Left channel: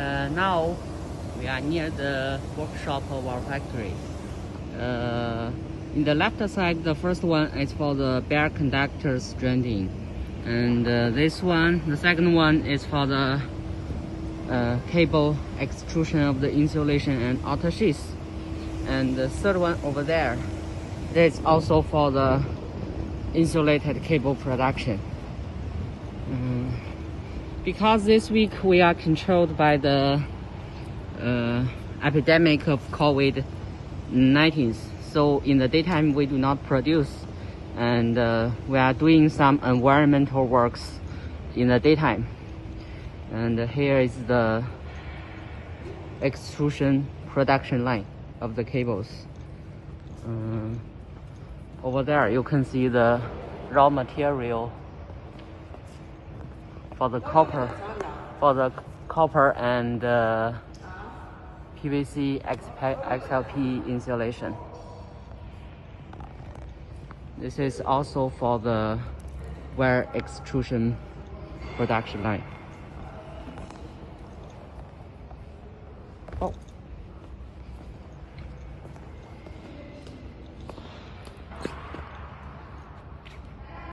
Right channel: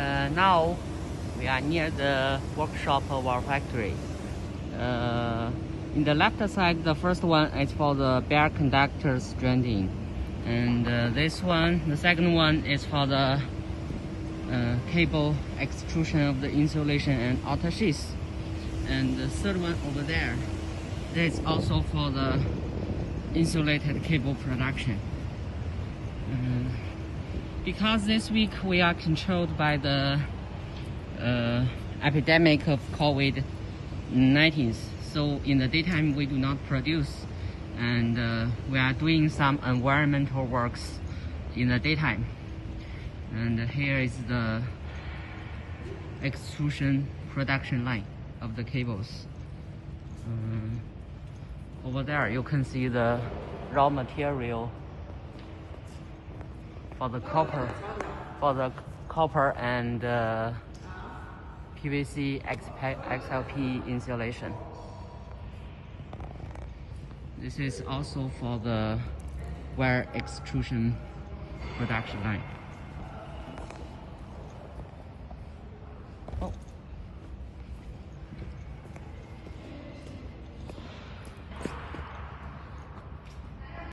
Now we are near the workshop of our factory. In the left side, the first one is for the bare conductor stranding, and this one, the second one, is for the cable extrusion of the insulation and outer sheaths, and the third one over there, this is also for the insulated cable production. Because this week we are controlled by the epidemic of COVID-19, so in the daytime we do not produce, and we are doing some environmental works in the daytime. And here is the extrusion production line of the cables. Over there you can see the raw material for the copper and PVC XLP insulation. This is also for the wire extrusion production line.